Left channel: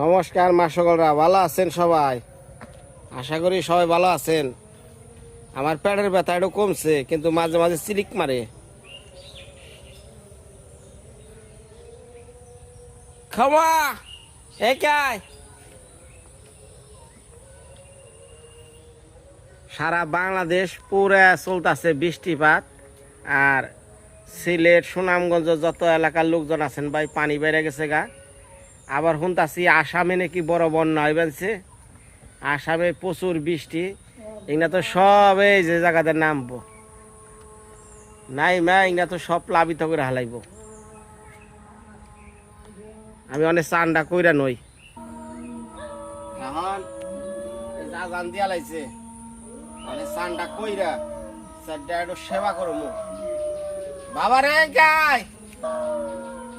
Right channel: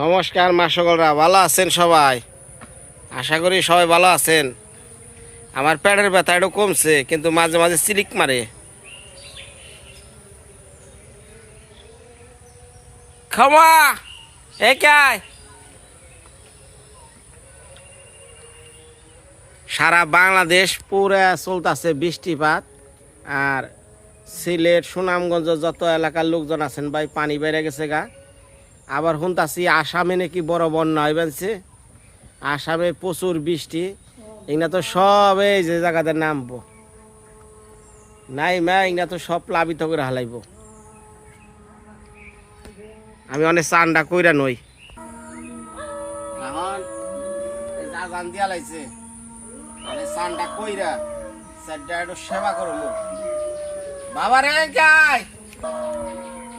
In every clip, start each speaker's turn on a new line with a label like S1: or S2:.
S1: নমস্কার মা সকলরা, ভালো আছেন সবাই? আশা করি সবাই ভালো আছেন। আমার পেটের ব্যথা একটু কমছে, কিন্তু মাঝে মাঝে সিলিক মারে। ক্ষমা একাই সারা বাংলাদেশ পুরা চলতেছে বৃষ্টিপাত, আর সিলেট, সুনামগঞ্জ, যত এলাকার লোকজন আছেন ভাই, পানি বেড়ে গেছে গা। আবার শুনতাছি আসামে নাকি বড় বন্যা হইবেছে আসামে প্রচুর বৃষ্টি। এগুলা তো সব এই যে জায়গাতে নামবো। নাই মা, এগুলা তো সব প্লাবিত করে হালাইব। আমি অনেক চান্ডা কইরা নই। কইরা সেবা করব বাবা রে গাই!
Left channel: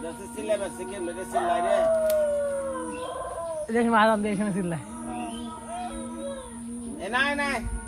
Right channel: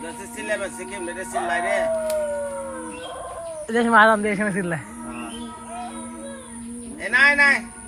S1: দেশে চিল্লাই বেশি কেমনে চিল্লাই রে।
S2: দেশে মারাম দেশে মেসিল্লা
S1: এ নাই নাই। বন্ধ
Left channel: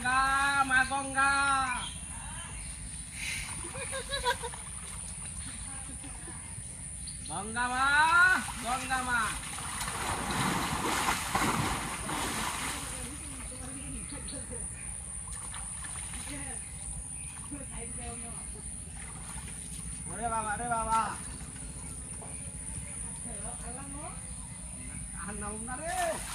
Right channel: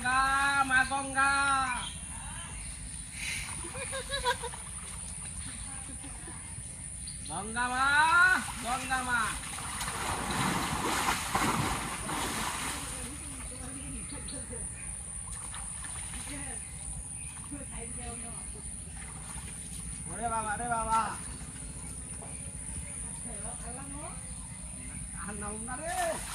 S1: মা গঙ্গা মা গঙ্গা গঙ্গা মা গঙ্গা মা ওরে বাবা রে বাবা আর নাম না রে
S3: ওই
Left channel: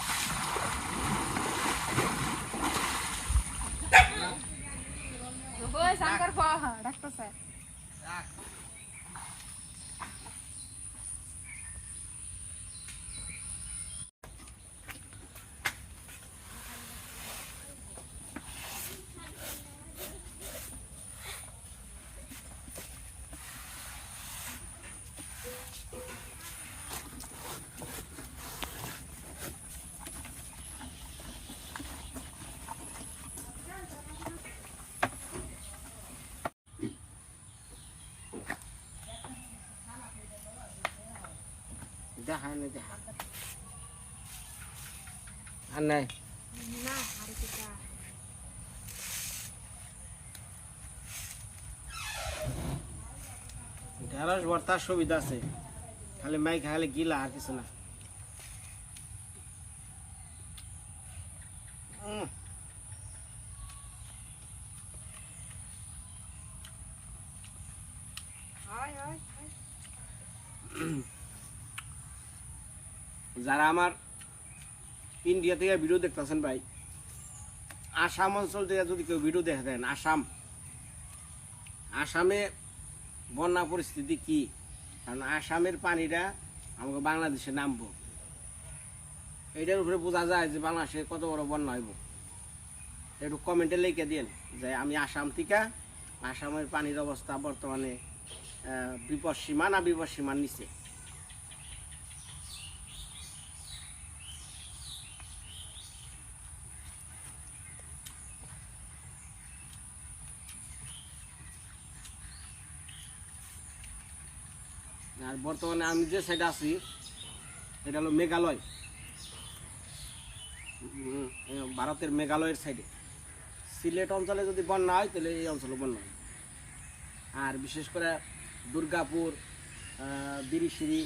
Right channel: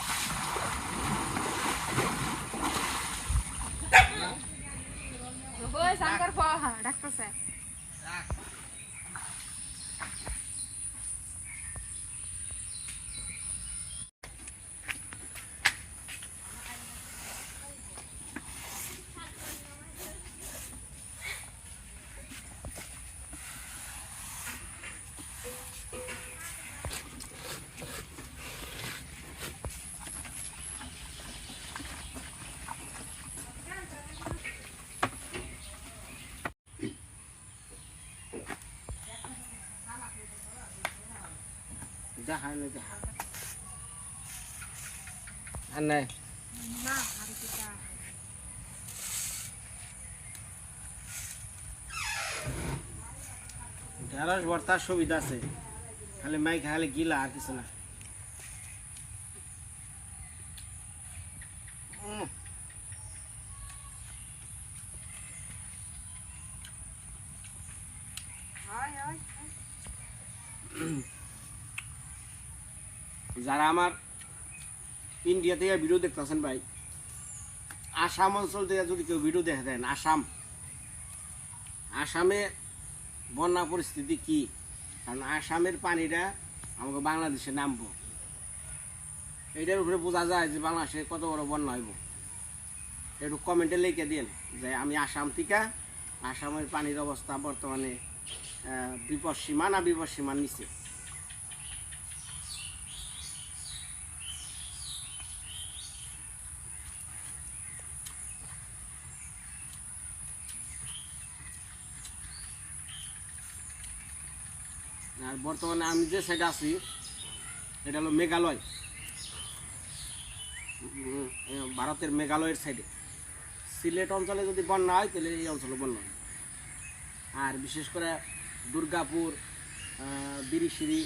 S1: দেখা নেই দেখা আর সুবিধা আছে। খালি মাই খালি গিলা আর কিছু না উম। যারা আমার ইন্ডিয়া থেকে ভিডিও দেখতেছেন ভাই। আসাম অঞ্চল থেকে যদি কেউ ভিডিও দেখে দেন, আসাম। আসামে বন্যা পরিস্থিতি কি? কারণ আসামের পানিটা আমাকে বাংলাদেশে নামবো। এটার উপরে বোঝা যায় যে বাংলাদেশে কত বড় বন্যা হইব। একটু কমেন্টে লিখে দিন যে আমি আসাম থেকে আসামের পানির অবস্থা বর্তমানে বিপদ সীমা না বিপদ সীমার নিচে? আর বর্তমানে আমি যে সাইডে আছি, এটা হলো মেঘালয়। ভারতের মেঘালয়ের সাইডে সিলেট অঞ্চলে যদি বন্যা হয়, তাহলে এই অঞ্চলে বন্যা হয়। আর বিশেষ করে দুর্গাপুর বিরিশিরি,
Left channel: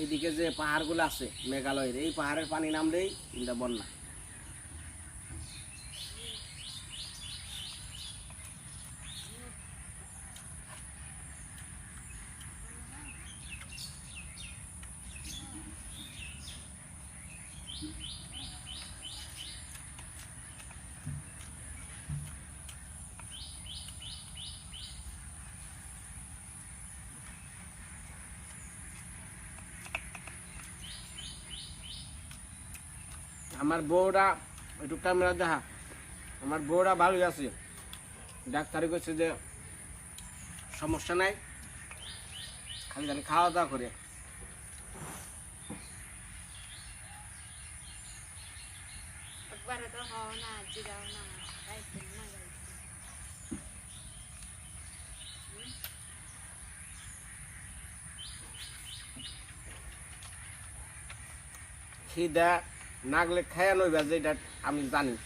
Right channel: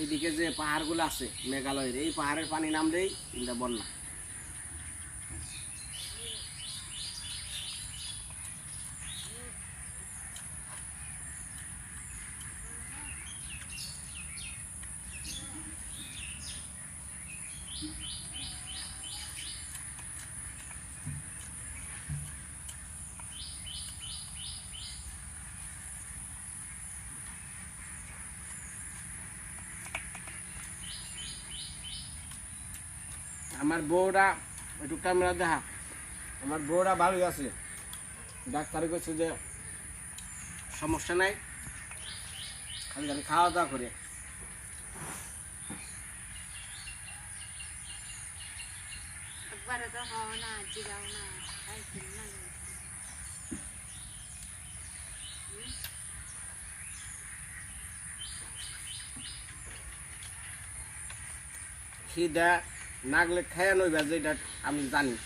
S1: এইদিকে যে পাহাড়গুলো আছে, মেঘালয়ের, এই পাহাড়ের পানি নামলেই এটা বন্যা। আমার বউরা, একটু ক্যামেরা দেখা। আমার বউরা ভালোই আছে। ডাক্তারে কইছে যে, সমস্যা নাই। খালি খালি খাওয়া দাওয়া করে।
S3: একবারে
S1: নাগলে খায়া নইবা যেটা আমি জানি।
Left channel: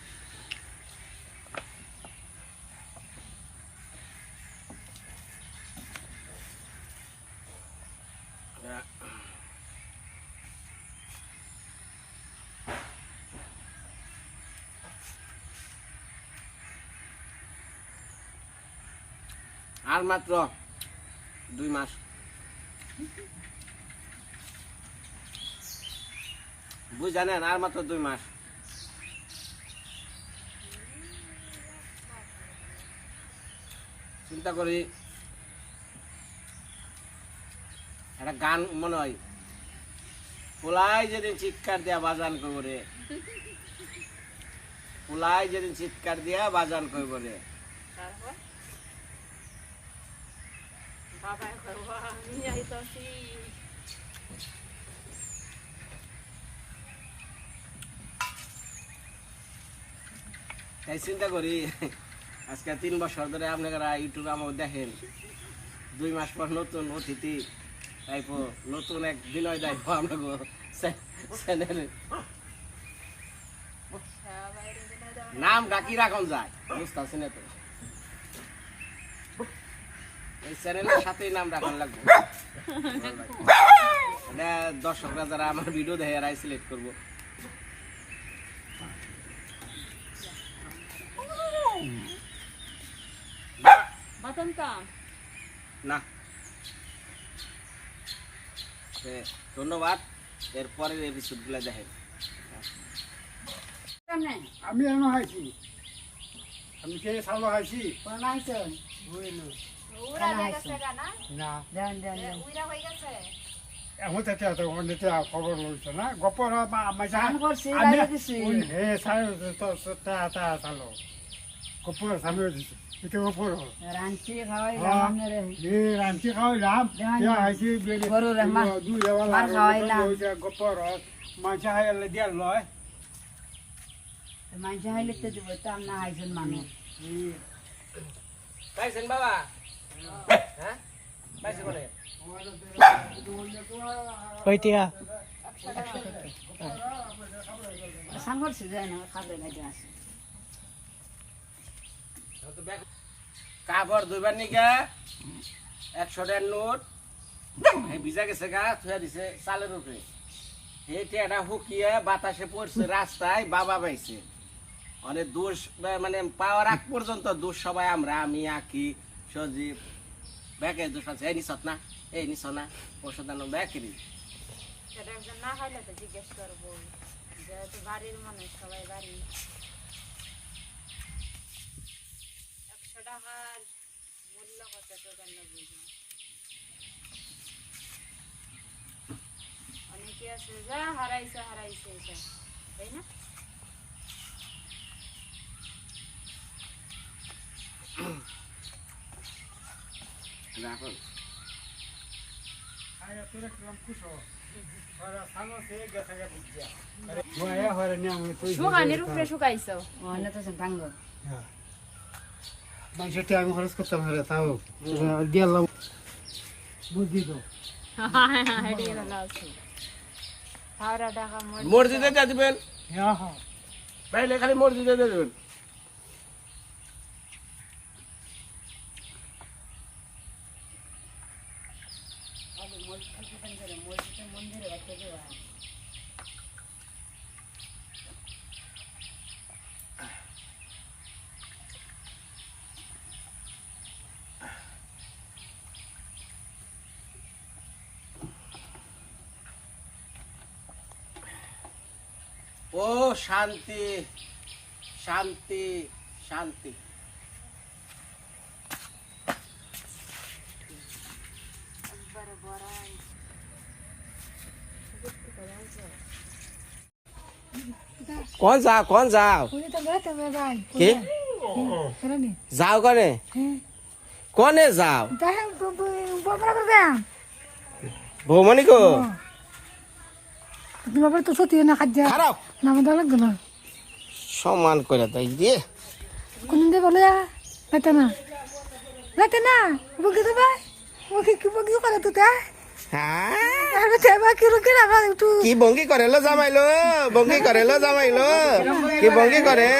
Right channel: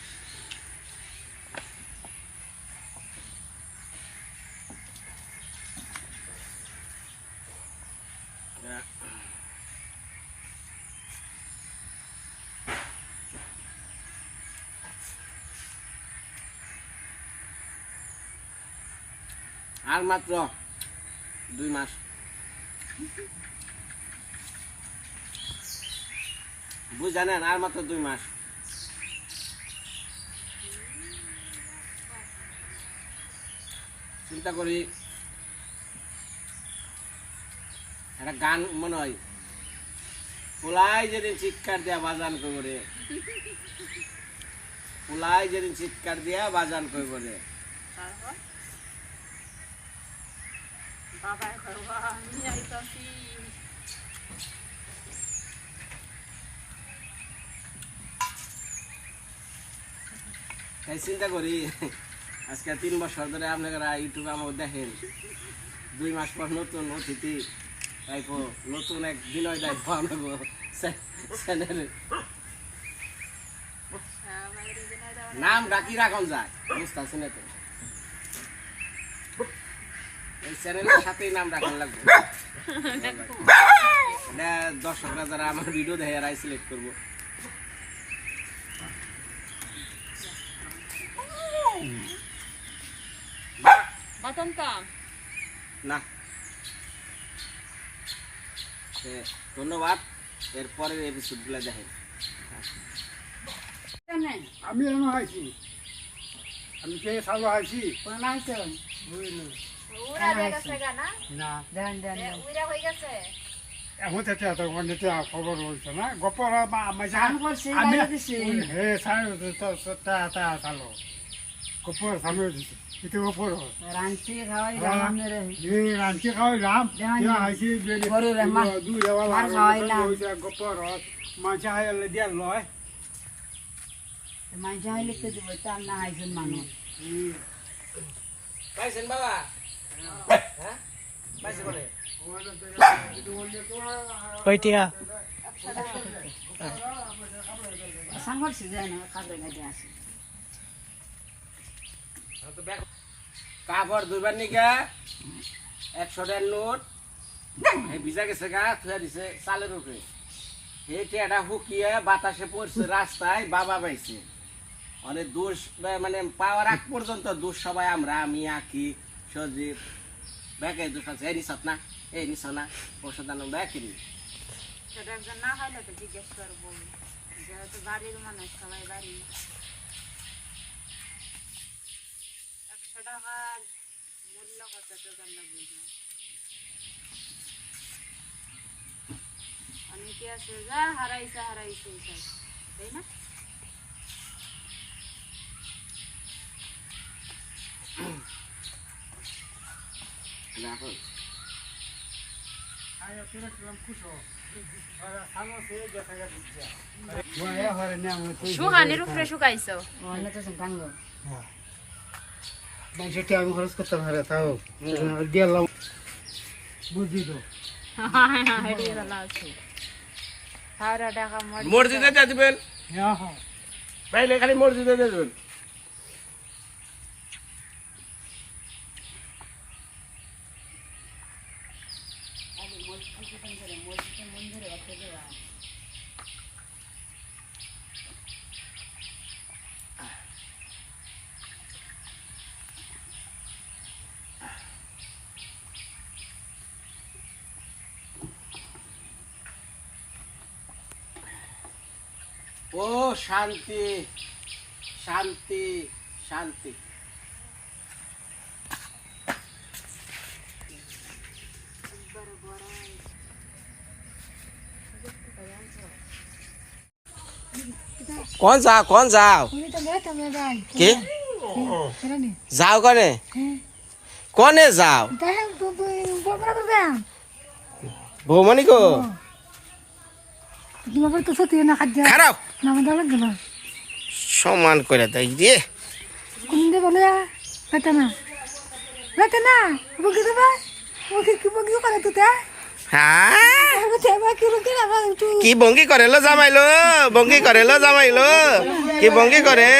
S1: আর মাত্র দুই মাস। বুঝানেন আর মাত্র দুই মাস। চিন্তা করি, একটা গান মনে হয়, পোলাই যেদিন চিৎকার দিয়া বাজান করে পোলাই যেদিন চিৎকার দিয়া বাজান করে
S3: তারপর? বাবা করব আমি যাইতাছি
S1: তাই চিন্তা করি আজকে তিন বছর ধরে আপনারা ইউটিউবে আমার দেখেন। দুই মাস পর নতুন অতিথি তাইপো নতুন এক বিনয় দায়িত্ব আমাকে চ্যানেলে। নাম ডাকি রাখন যায় বুঝতেছি না তো। এই চ্যানেলের সাথেই নাম রাখান লাগবে। দর্শকরা যারা আমার ভিডিও দেখে এরাই সিলেক্ট করব।
S3: বাতন তো
S1: না তে, ধন্যবাদ এরপরের এপিসোডগুলো দেখেন
S2: আমি এখনও হাইছি আমি কে সালো হাইছি
S3: উড়া গেছে গানা
S2: না
S3: উড়া হয়ে গেছে
S2: এখন থেকে এত অনেকে খবর হয়েছে না গপর আমার
S4: গান করছি,
S2: গপর সামনে দিছে। এটা গপর
S4: রাঁধছি খাওয়াই
S2: হ্যাঁ।
S4: গানের
S2: এ রাঞ্চি খাওয়াইলাম
S4: দেহানি।
S2: ইয়া
S4: মা-
S2: দুই দেওয়া মাছ হাইলে দিয়া লয়।
S4: মাঝে হাইলে তো দিব তো আমরা হাইছেন মানুষ
S1: পাইছেন বাবা? হ্যাঁ পাইছে বলে?
S4: সাং করছি যায় না খাবে গাইতে আসে
S1: কাপড় দুইবার নিগা একশো টাকার নোট। ভিজা গেছে গা, থুয়া দিছে চালের উপরে। এই টেটা হুকিয়ে বাতাসে পড়ছে, রাস্তায় বাবা পাইছে অনেক দোষ মানে পাওয়ার আগ পর্যন্ত দোষ সবাই আমরা, আমি, আঁকি, সজীব। ব্যাকে দোষ আছে, এই নিছত না, এই নিছ না ওষুধ আনো ব্যাকেরই
S3: না খাইলে তো জিজ্ঞেস করব। যেহেতু বাড়ির মানুষ, সবাই বাড়ি। টাকার মূল্য কত তোমরা বুঝো অনেকে আছে যা হারাইছে হারাইছে তাই না?
S1: রাখুন
S3: সুহানির উপরে শুকাইছো।
S4: তো ভাঙ্গ
S2: মানুষের আমি খরচ করতাম হারে তাও গেলাম বুঝি তো
S1: মসজিদে যা দিবেন
S2: হ্যাঁ হ্যাঁ
S1: খালি মসজিদে যা দিবেন
S4: মন্দিরে এত দেওয়া
S1: ও শান্তি শান্তি শান্তি। কোন যাও কোন যাও? কি? যাও কনে কনে খারাপ। সমান করে দেয় দিয়ে
S5: কোনদিন বলে বেতে না। বেতে না বকি দেবা? বকি কি বকি করে তুই
S1: হ্যাঁ?
S5: কি
S1: বঙ্গি করে লো জামাইলো? বঙ্গি করে লো জামাইলো? কি বঙ্গি করে?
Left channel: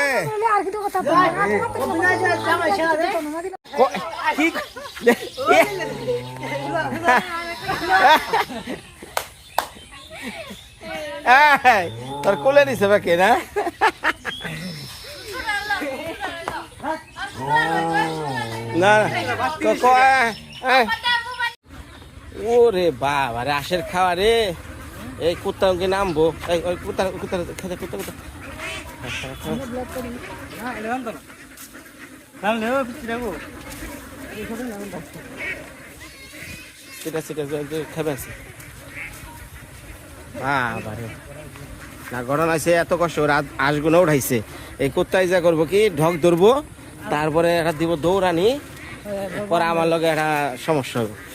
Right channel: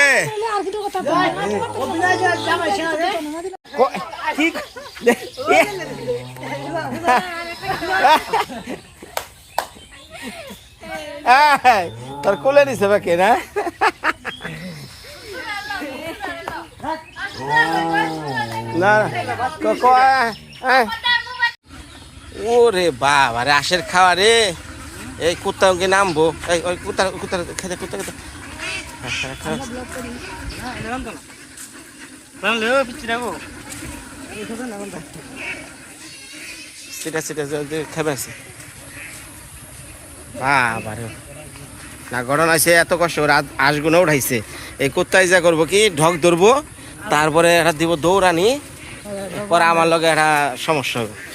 S1: কি তোর কোলে দিছে বাকি না? না। ওরে বাবা রে আশের খাওয়া রে। এই কুত্তাকে নামবো। এই ওই কুত্তা কুত্তা খেতে কুত্তা খেতে। সেটা সেটা খেবে। আছে বাবা রে না, ঘটনা আছে এত কষ্ট করে আজ- আঁশগুলো উঠাইছে। এই কুত্তাই যা করব কি, ঢক ধরবো, তারপরে এটা দিব দৌড়ানি পরে আমার লগে একটা সমস্যা হবে।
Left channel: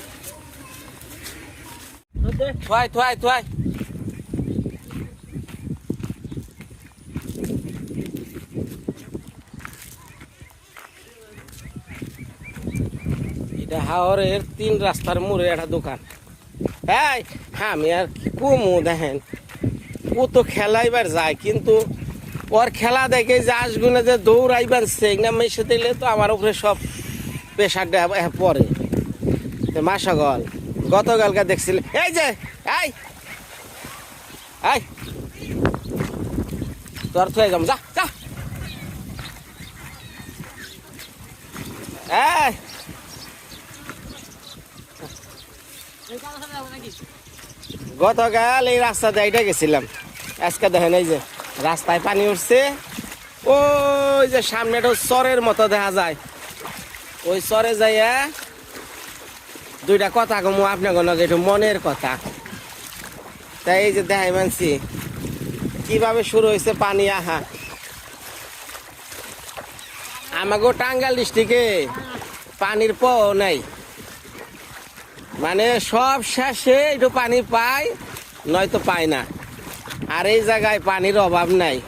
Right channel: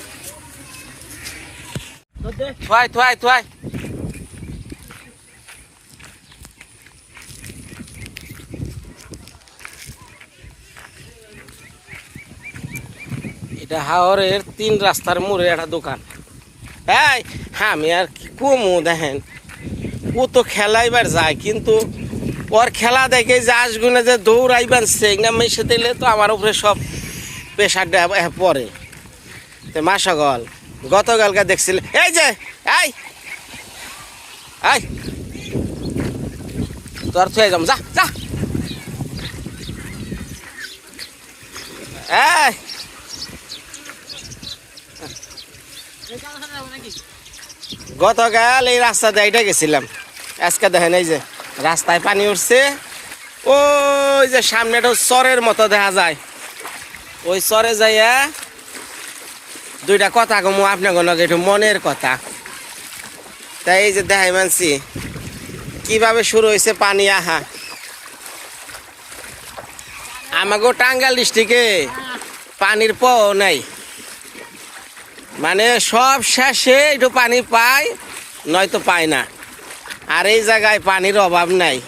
S1: থুয়াই থুয়াই। এটা হাওরের তিন রাস্তার মোড়ে একটা দোকান। এই আমি আর কি কমু, দেখেন। ও তো খেলাইবার যায়, কিন্তু ওর খেলা দেখে যে আসগুনে যে দৌড়াইবার সেগনা মেশে দিলে তো আমার উপরে সব প্রেশারটা পড়ে। তো মাসাগল গতকালকে দেখছিলে, এই যে, এই এই, তোর থুয়ে যাম, যা যা। এই। গতকাল এই রাস্তা দিয়ে গেছিলাম। আজকে দেখেন এই যে রাস্তায় পানি উঠছে। ওই যে সামনে একটা চরের মতো দেখা যায়। ওই চরে যাইয়া দুইটা কথা কমু আপনার কোনো একটু মনের কথা। তাই এই যে দেখাই মানছি, কীভাবে শুরু হয়েছে পানি? আহা। আমাকে টাঙ্গাল ডিস্ট্রিক্টে পানির প নাই। মানে সব শেষে একটু পানি পায়, নয়তো পায় না। আর এই জায়গায় পানির অভাব নাই।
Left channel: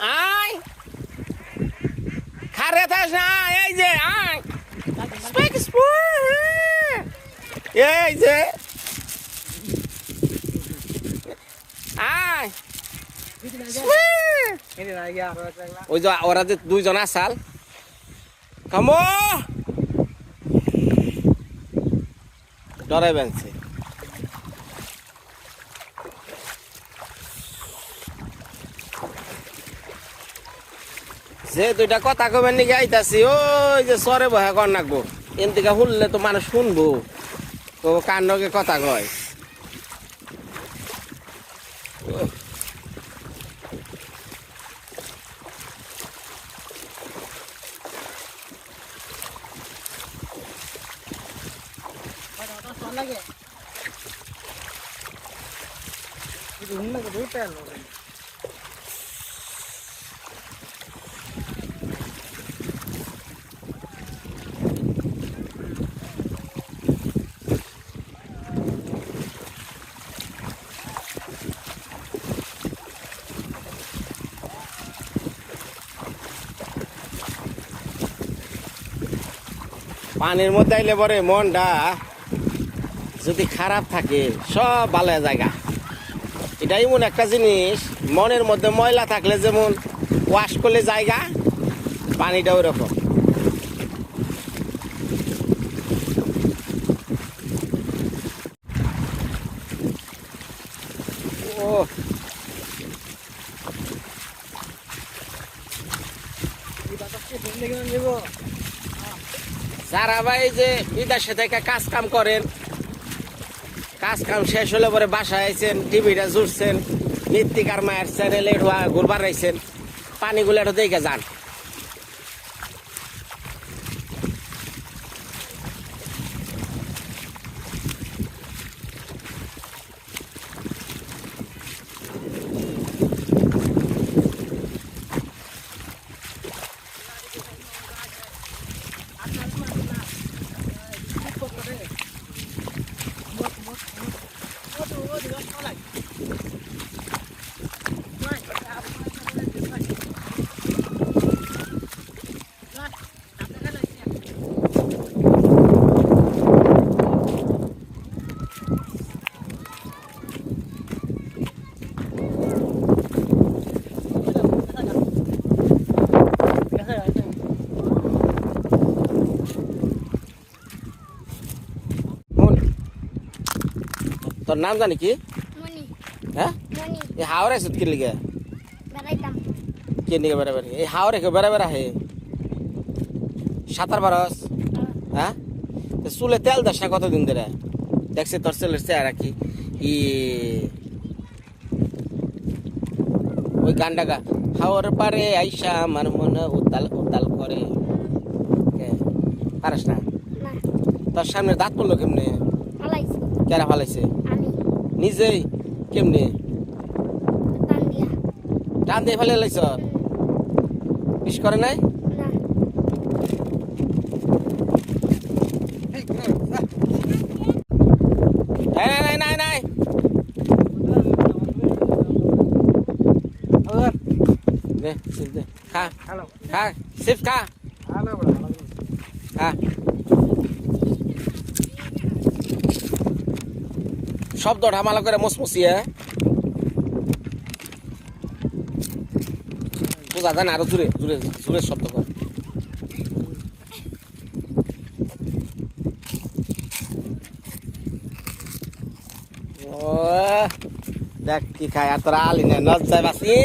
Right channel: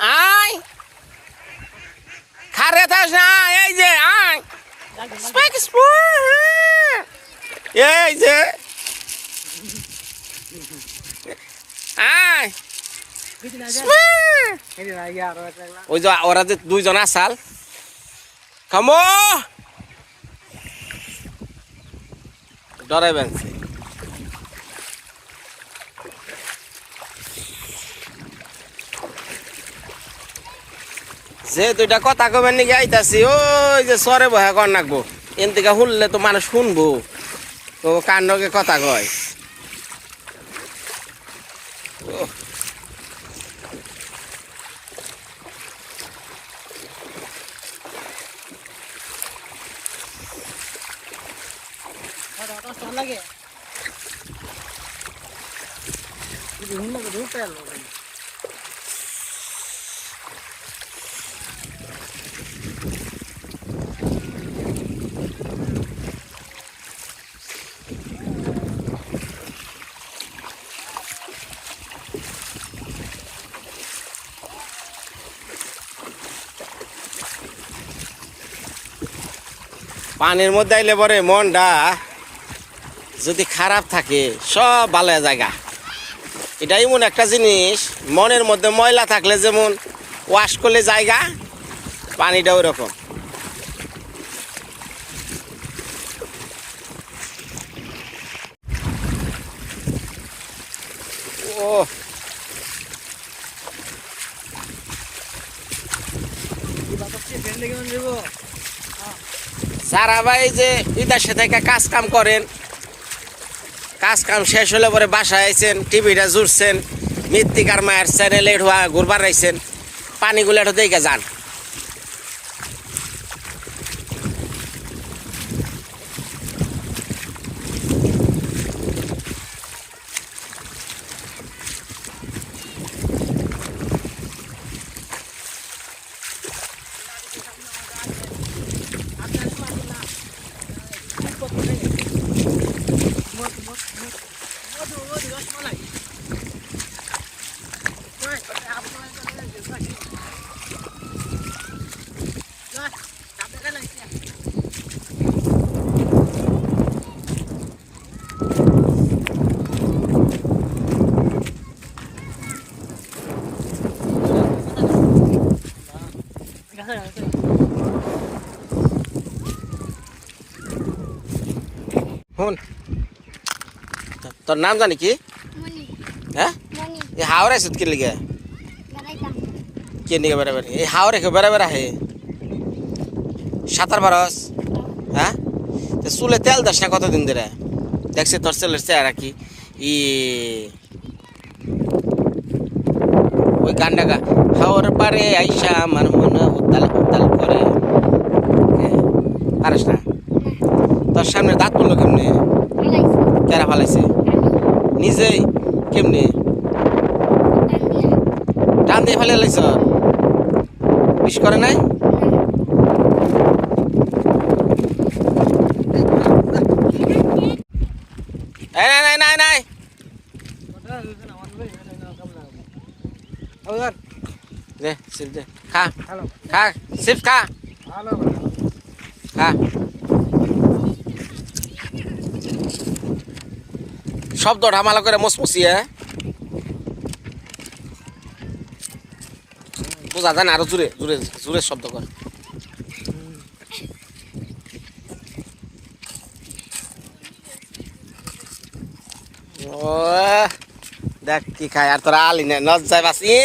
S1: আয়! খারে থাস না, এই যে, আয়! স্পেক এই যে আয় ওই যে ওরা যে দুইজন আসাল কামো ডরাই বানছে যে দুইটা কথা কবেন নাকি আইতাছি, ওই যে সরে বহে কর নাকবো এন থেকে শুনলে তো মানুষ শুনব। তো কান্ডকে কথা কয়? পানির মধ্যে আইলে পরে মনটা যদি খারাপ থাকে, সব ভালো জায়গা। এটা এমন একটা জিনিস, মনের মধ্যে ময়লা থাকলে যেমন ওয়াশ করলে জায়গা, পানিটা ওই রকম ও সারা ভাই যে বিদেশে থেকে কাজ কাম করেন। কাজ কাম শেষ হলে পরে বাসায় আইছেন, টিভিটা জুড়ছেন মৃত্তিকার মায়ের চ্যানেলে ঘুরবার রাইছেন পানিগুলো দেখে যান। তোর নাম জানি কি? হ্যাঁ? এই হাওড় আইসত কি লিগে? কে নিকে বেড়াবেড়ি এই হাওড়ে কেউ বেড়াবেড়া হে। সাঁতার বারস হ্যাঁ? তো চুলে তেল দাস না কতদিন ধরে? দেখছি তোর ছেলের চেহারা কি। ই। ওই গানটা গা হাওর পারে আইসা আমার মনে উতাল উতাল করে? পারিস না? তোর সামনে দাঁত পড়ল কেমনে? কেরা ফালাইছে? নিজেই কেমনে
S5: টান দিয়া
S1: টান দিয়ে ফেলে লাইছ বিষ করে নাই এই নাই নাই নাই নাই দে সিপ দে খা
S2: হ্যালো
S1: খা সিপ খা
S2: হ্যালো
S1: খা শব্দ ঢামালা করে মসমসিয়ে বোঝা যায় না আরও জোরে জোরে জোরে শব্দ করে দেখ কি খায় আর তোরা আলি না নজ যায় বাস এ